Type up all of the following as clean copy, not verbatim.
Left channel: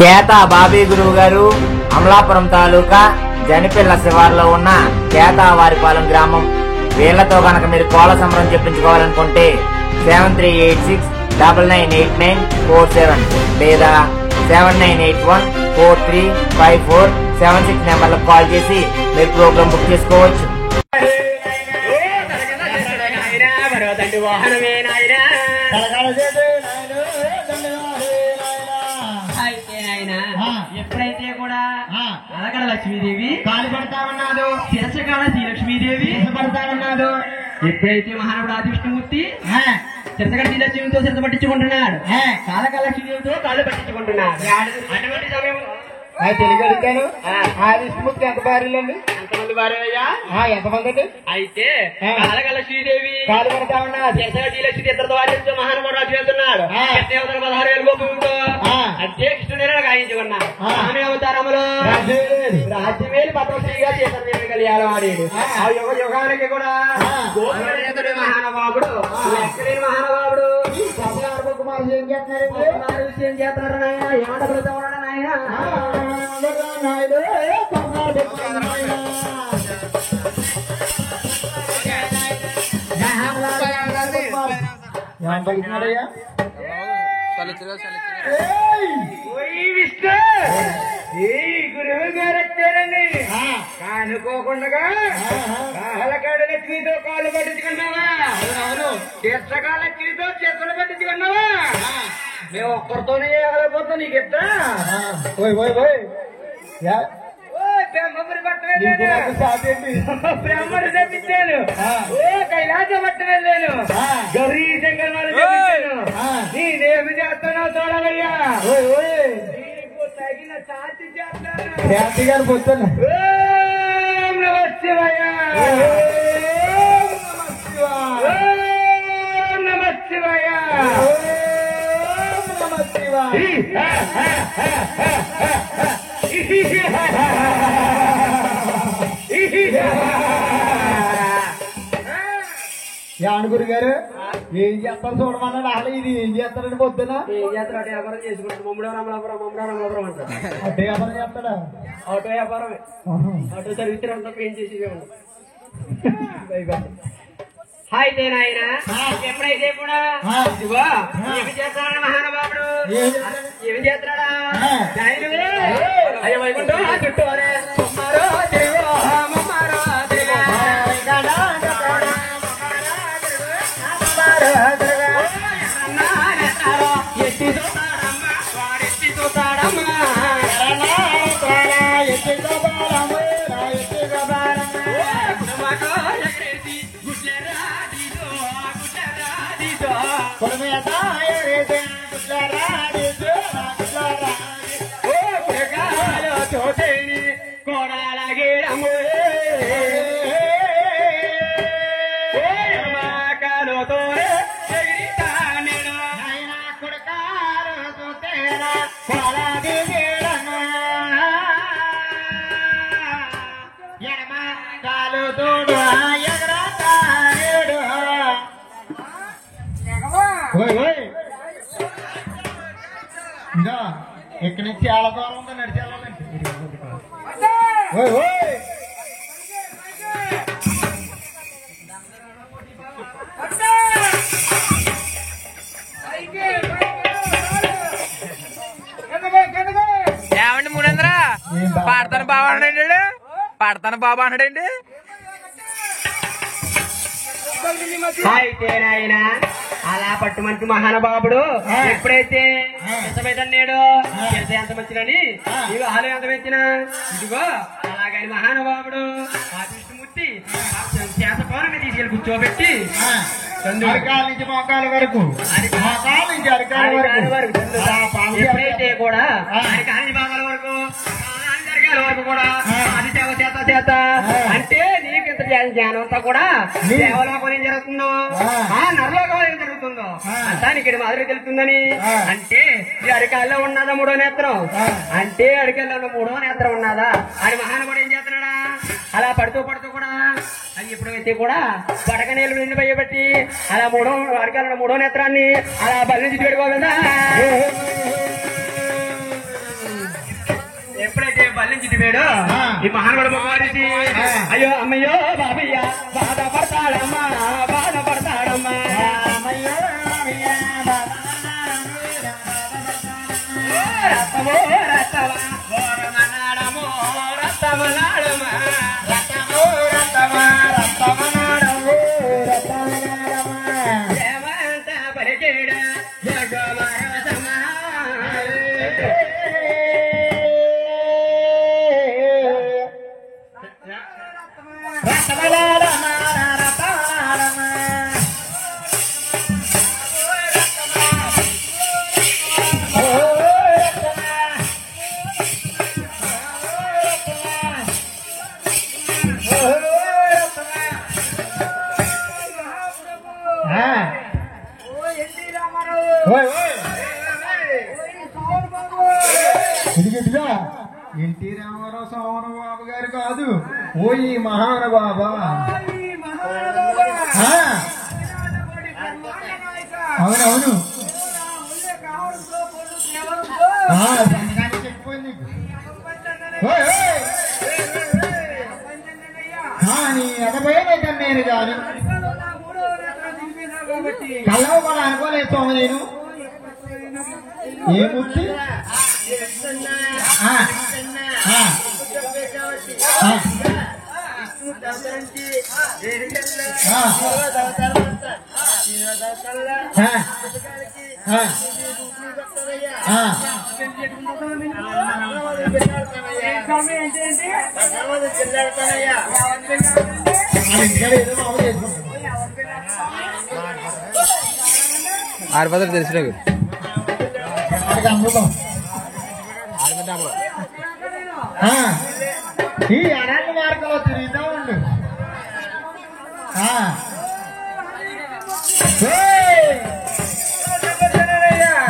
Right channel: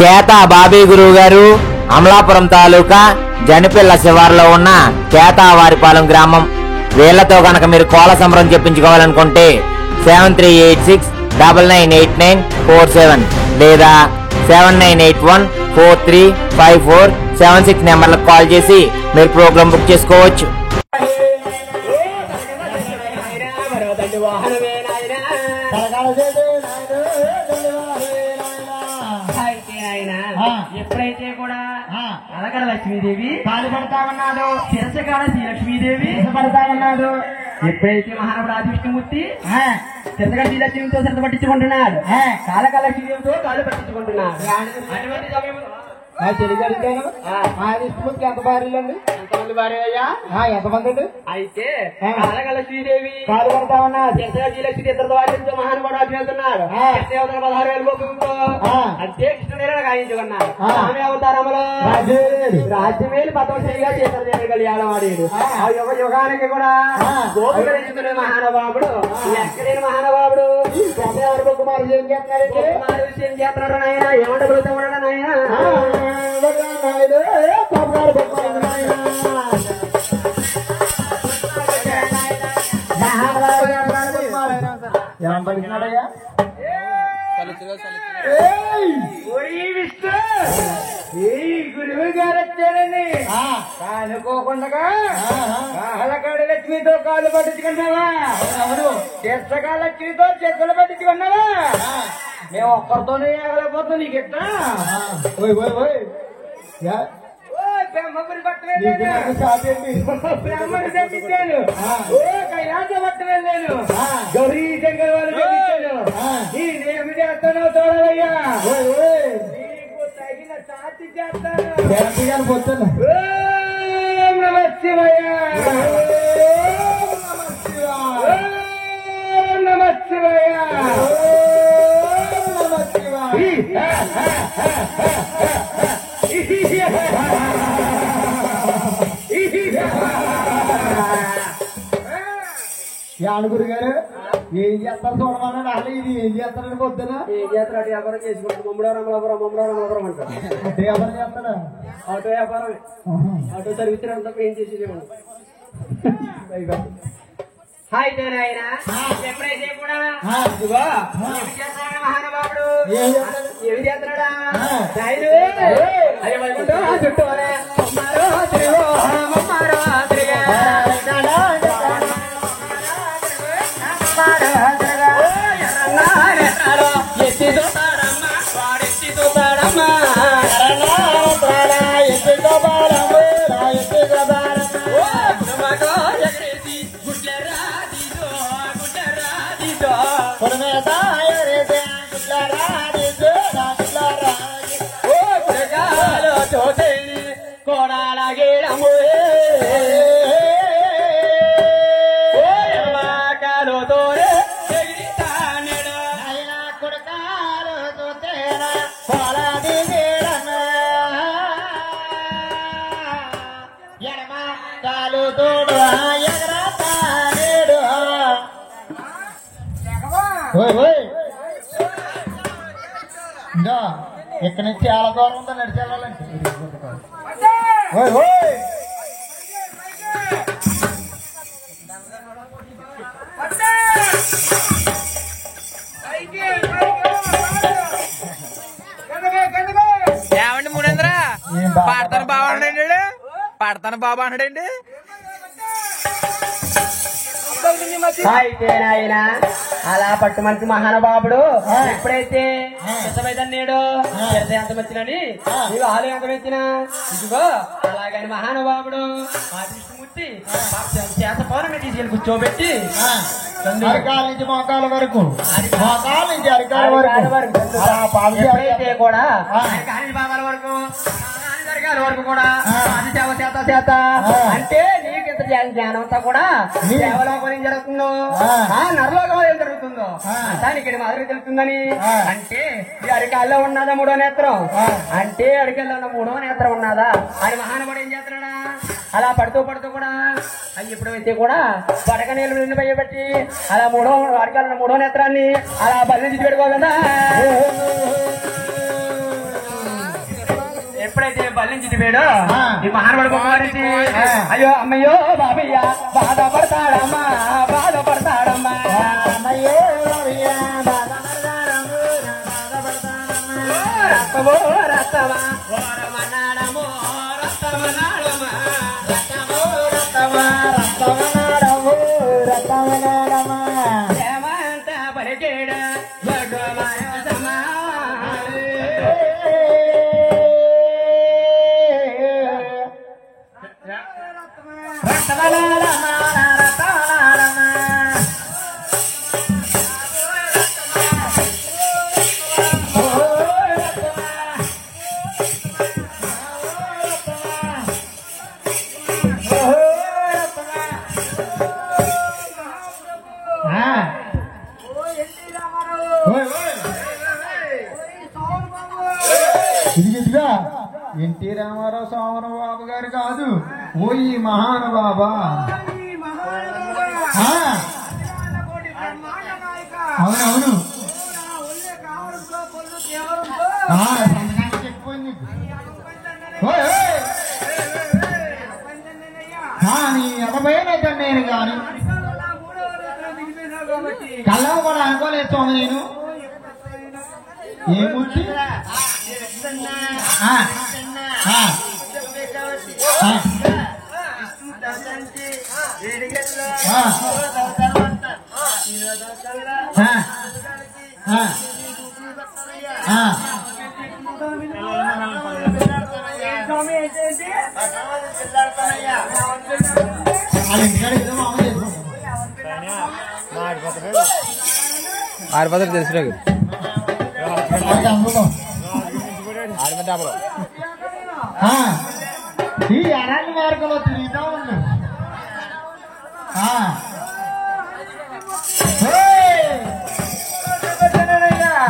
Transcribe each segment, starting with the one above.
కేత బాబీ గురువు గారు అమలాపురం తాలూకా జనిపిల్ల శివారులో ఉన్న కేతావారిపాలెం గ్రామం. వీళ్లతో గనక మీరు కోళ్ల సంబరం చెప్పించుకోవాలనుకుంటే 7386998947 లేదా 7981435476 నెంబర్లకు కాల్ చేసి మీరు ప్రోగ్రాం బుక్ చేసుకోవచ్చు. ఎప్పుడైతే కూడా అలగడ లక్ష్మీదేవి కాలు పడతా ఉన్నాడు, శిరసకాడ శ్రీలక్ష్మీదేవి పడతా ఉన్నాడు. ఎప్పుడైతే మహానుడు ఆదివిష్ణుమూర్తి శిరసకాడ శ్రీలక్ష్మితో శిరస పట్టించుకుంటున్నాడు, కాలకాల లక్ష్మీదేవితో కాళ్ళు పట్టించుకుంటున్నాడు. అటువంటి సమయం తెలుగు అడిగాను. విష్ణుమూర్తి ఎంత భార్యలండి? ఎంతమంది భార్యయ్యా? ఎంతమంది అండి? అయితే కాలకాల శ్రీదేవి కాలు పడతా ఉన్నాడు, శిరసకాడ శ్రీలక్ష్మి ఇద్దరితో వాటితో మహానుడు రాజు వెళ్తున్నాడు. 16,000 గోపులతో అంటే కృష్ణుడు గాయించుకున్నాడు. స్వామి అవతారంలో రాజ్యమేలు పద్మశ్రీగా చేతన కళ్యాణం ఆడాడు. ఆ యుగ యుగానికి కూడా గోపుడు మహానుభావుడు, ఎక్కడైన మహానుభావుడు కుమారుడు ఏం చేస్తున్నాడు? ఏం చేస్తున్నాడు నాయన? ఏమంట కూడా నాయన ఏమంటున్నాడయ్యా? గురువు గారు వచ్చారండి. అనుకోకుండా కాలకాడ లక్ష్మితో కాళ్ళు పట్టించుకున్నావా? అవును. చిత్రకాల లక్ష్మితో చేతులు పట్టించుకున్నావా? మేము ఒక్కరితోనే వెళ్ళకపోతే నీకు ఎట్లా? బ్రహ్మపురి పట్టు వెళ్ళాను, బ్రహ్మడు తెప్పించాను, కైలాస పట్టు వెళ్ళాను, గౌరీ శంకర్ వాళ్ళు తెప్పించాను. నేనేమి చేస్తున్నావు చూడాలయ్యా, నీకు తగిన సాటి చేస్తాను. నమ శివయ్య, నమ శివయ్య, నమ శివయ్య. యానగురు గారు ఏం చేస్తారు చూడమన్నాడు. అసలు ఇది ఏం చేస్తారని పొద్దున ఏం చేస్తాడు? అటు వ్యాపారం చేసుకుంటాడు. మమ్మడారామలాపురం అంటారు. అంటే వ్యాపారం చేస్తాడా? ఆటో వ్యాపారమే. ఆటో సర్వీస్ ఉంటాం, ఏం చేసేది ఉండదు. అయితే నాయన ఎప్పుడైతే కూడా ఇదిగో ఏమి చేస్తాడని మహానుభావుడు ఏమి చేస్తున్నాడా? అయ్యో వైకుంఠం చుట్టూ కోడాలగేడము కాలుతోనే ఎగిరితానేడు ఆయన కొడకాలుతో తేరా కోడాదిగేడను ఎడమ కాలుతోడు ఎగరతానేడు. ఇంకా ఇక్కడి నుంచి చాలా దూరం ఉందా నడిచి వెళ్ళాలంటే? ఏమండి 300 పాడతాను బాబా అన్నాడండి, పాడతాను బాబా అన్నాడండి. అయితే నాయన అలా పట్టు మంచి మహానుభావుడు ఎప్పుడైతే ఎంతమైతన్నాడు ఎంత వచ్చినని నీవు ఆలు ఎంత వచ్చినా ఇదిగో అలాగని మహానుభావుడు ఆ విష్ణుమూర్తి చేత పౌర్ణమి తీసుకెళ్ళి కూర్చోబెట్టి అరికాల నుంచి మోకాల వరకు, మోకాల నుంచి అరికాల వరకు, ఎప్పుడైతే కూడా అరికాల నుంచి భాగాల వరకు వరకు కూడా అది సేవ చేత అంటే నీకు ఇంత జ్ఞానం అంతా కూడా దేవలోకం ఏం జరుగుతుందో, నరలోకం ఏం జరుగుతుందో దానికి ఇక్కడ మాదిరి తెలుస్తుందని. అంటే ఈ అరికాల్లో ఉన్నదా 3వ నేత్రం, అంటే అరికాల్లో ఉన్న 3వ నేత్రం ఉన్నదా అని మహానుభావుడు ఏం చేస్తున్నాడా? అలా పడుతూ కూడా అది ఎప్పుడైతే కూడా పడక నీళ్ళు నిండి భయపెట్టి అలా అరికాల్లో 3వ నేత్రాన్ని అలా బలి నుంచి పెట్టుకోగలదా ఎప్పుడైతే బలి నుంచి దిగాడో ఈ మహానుడు బొమ్మగారికి అయ్యో అమ్మయ్యో బాబయ్య బాధపడతాడమ్మా బాధపడతాడమ్మా అమ్మయ్యో బాబయ్య రత్తమో రత్తమా ఓరమనాడమో రత్తమనాడమా రత్తమో రత్తమా రత్తమనాడమో రత్తమనాడమా ఏమంత పరిచేడ జగమరసమా రత్తమనాడమా రత్తమనాడమా ఎన్టీ రామారావు సోమన బాబు గారు కాదు ఓ ఈ మహానుబాబా అవునవును చెప్పిపోయింది నీ అమ్మపోయేమైతే నేను కాని కళ్ళవు కూడా అనుకోలేదు సోమ నేను ఏముచ్చి ఆడపదలు తెలిసిన ఈ అరణ్య మార్గంలో తిరుగుతా ఉండు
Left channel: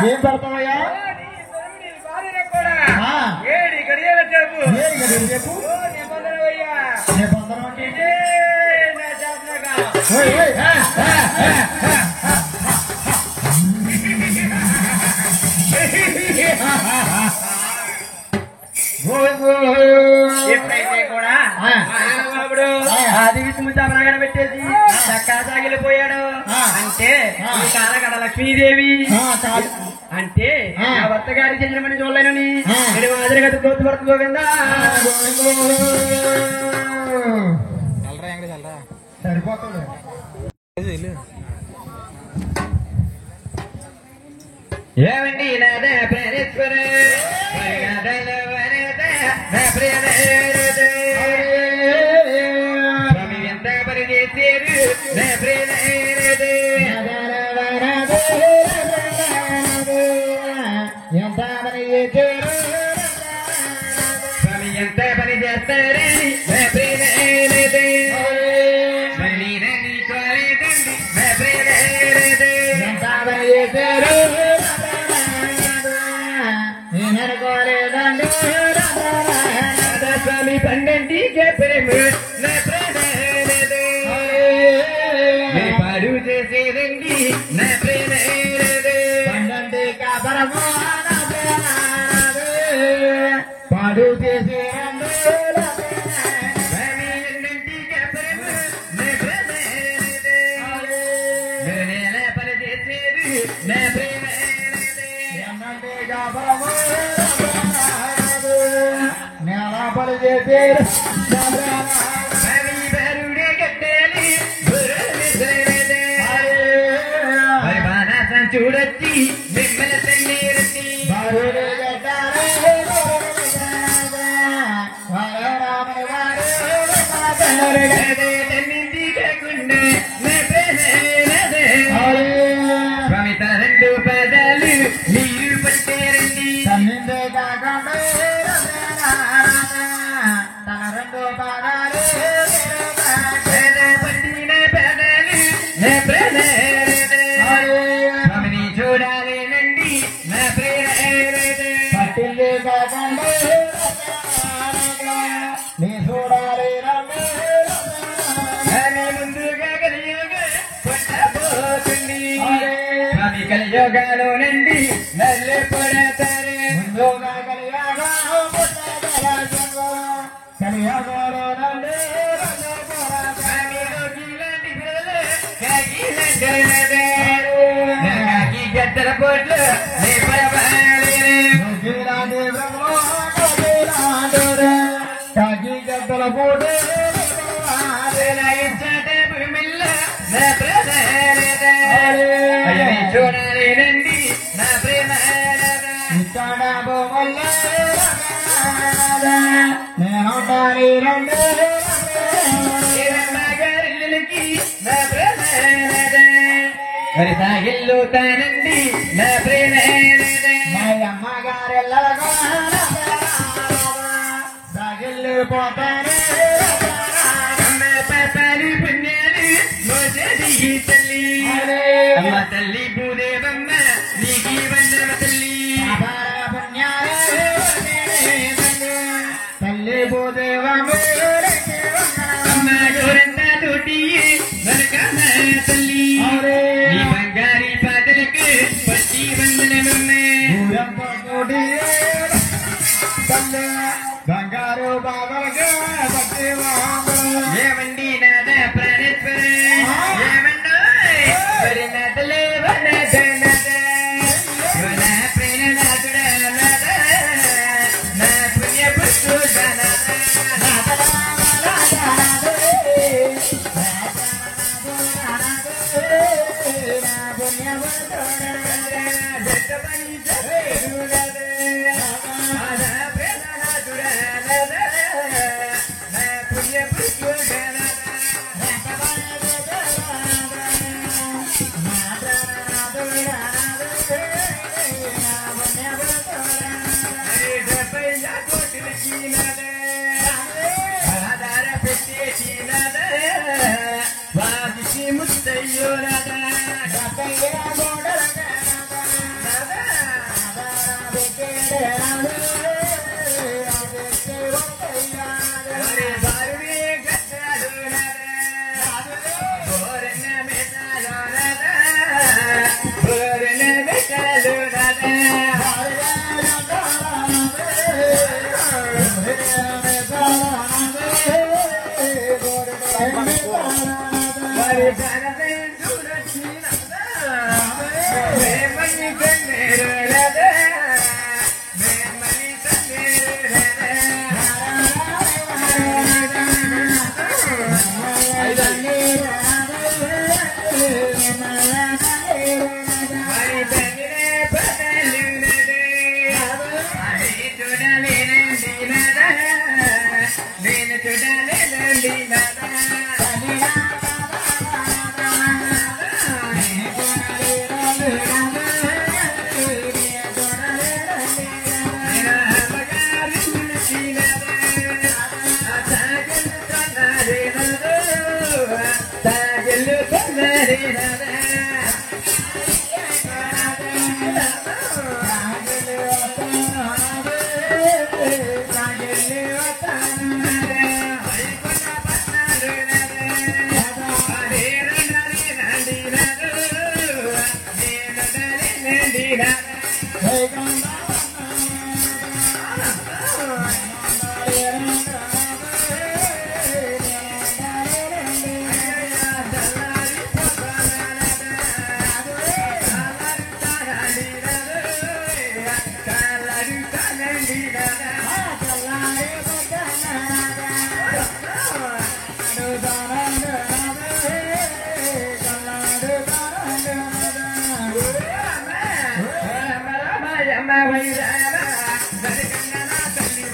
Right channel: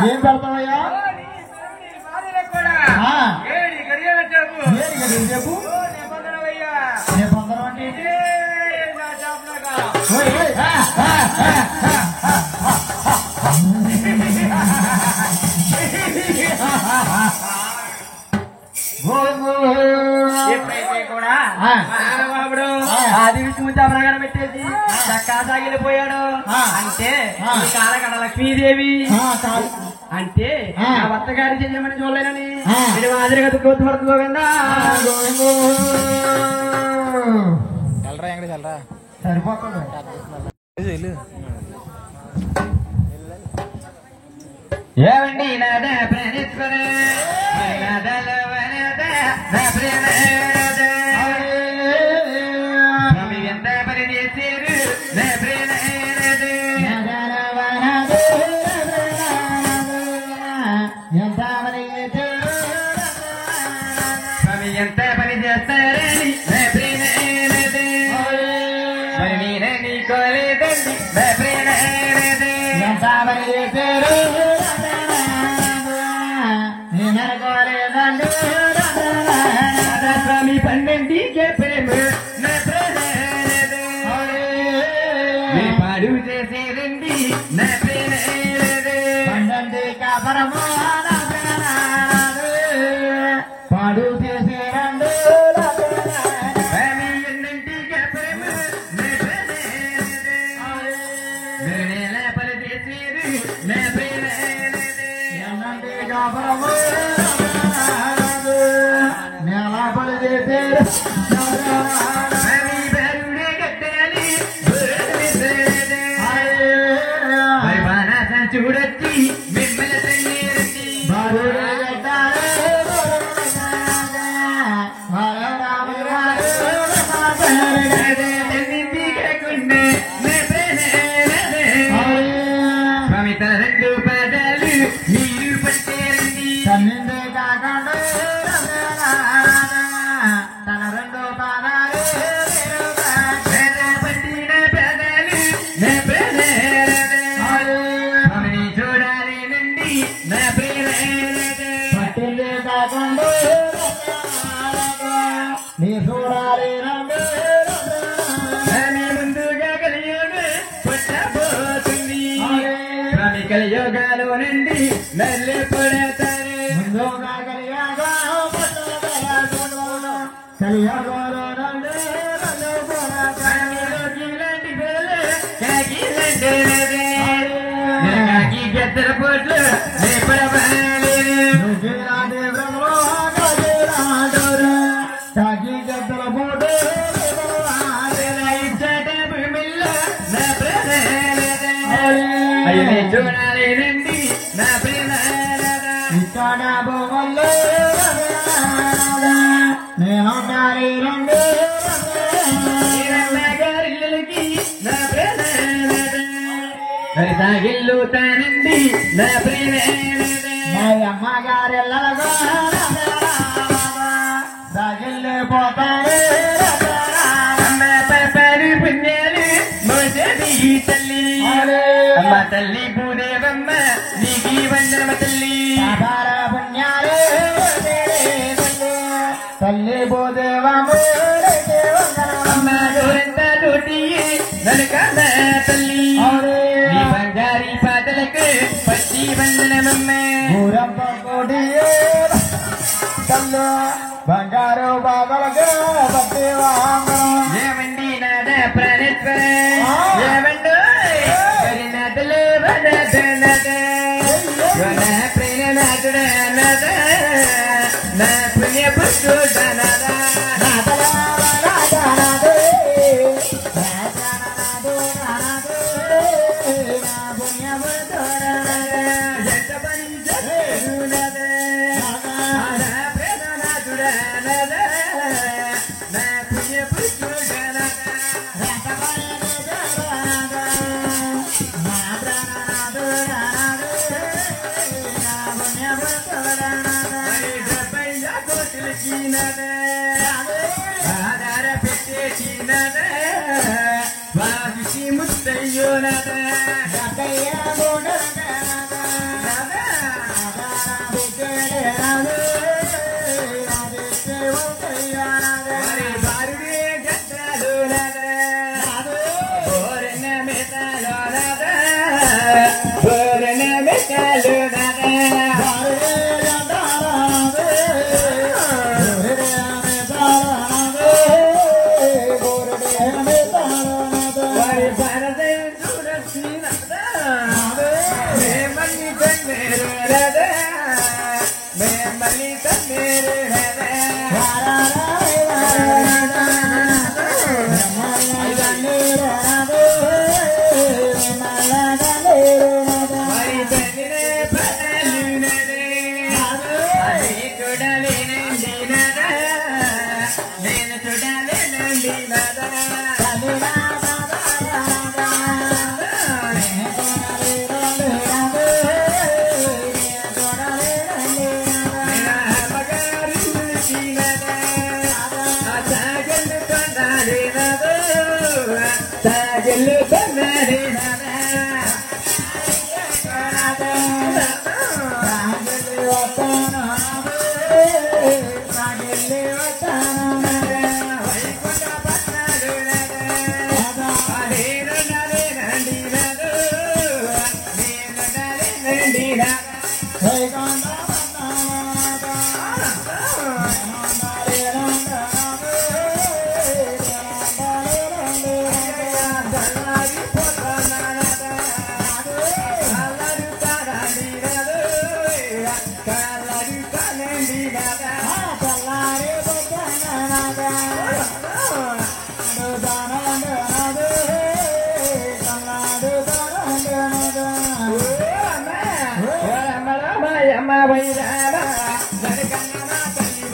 ఏం పెడతావయ్యా చెప్పు నిబంధన అంటే ఎప్పుడైతే కూడా మహానుభావుడు ఆది విష్ణు చాపనగడ పెట్టేసి చక్కా సాగిలిపోయాడు అంటే ఈ కాలకడ లక్ష్మీదేవి అంటే ఆ భర్త గారి చెందిన చూడలేనని నేను మాదిరిగా గుర్తుపడుతుందా సరిపోతుంది ఏమండి నాదా ప్రేరేశ్వర స్వామి ఎంత పని చేశారు స్వామి ఎంత పని చేస్తారని మరి నేనని కోలేదండి స్వామి పన్నెండికే ప్రేమ పాడు చేసేదండి నా ప్రేమ పన్నెండి కాపరమా పాడు చేసేరండి స్వామి ఎన్నింటికే ప్రేమ నేనే పని చేసేది నా ప్రేమ నేల చేశారు చూడొచ్చి మిమ్మల్ని స్వామి తన రెండు పదాలు మీరు పట్టారండి తన్నిందే కాకుండా తన రెండు పాదాలు పట్టిన పదాలు స్వామిని చూడాలేనండి నా ప్రేమ పట్టిందే కాకుండా నీ చూడాలి ముందుగా కలియుగ పుట్టబోతుంది స్వామి కలియుగాలోనండి మళ్ళీ పడతారు ముందుగా కలియాగా గద్దల పోట్లు గద్దల పోటు చూడాలేనండి నా ప్రేమ ఇక్కడ బొమ్మల్లో నేను రండి గారిల్లకి నా ప్రేమ ఇల్లు తానండి నా ప్రేమ అమ్మగారెల్లగా సాగిల్లు పోతారు అమ్మ పాపాలు పుణ్యాలు మోసది తల్లి అమ్మ తల్లి భూదేవమ్మ నీకి వందనమ తల్లి పుణ్యాలు తల్లి భూదేవమ్మ అమ్మ గోరంత తోటి నలకమ్మ తల్లి ఈ బంగారీ పాటలకు పచ్చి వందనమమ్మ తల్లి బంగారు బాబలగా పట్టి ఏమండి నాద ప్రాణేశ్వర ఏమండో మరి నదలే ప్రేణనాథుడా నాద నా పుణ్య పుష్పు ఆధార పెట్టేసి వాదికి ముత్తయ్యో భారీ గట్టాలు బోరెన మెటాలు బోరెన మెటాలు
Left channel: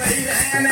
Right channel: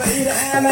వైరామ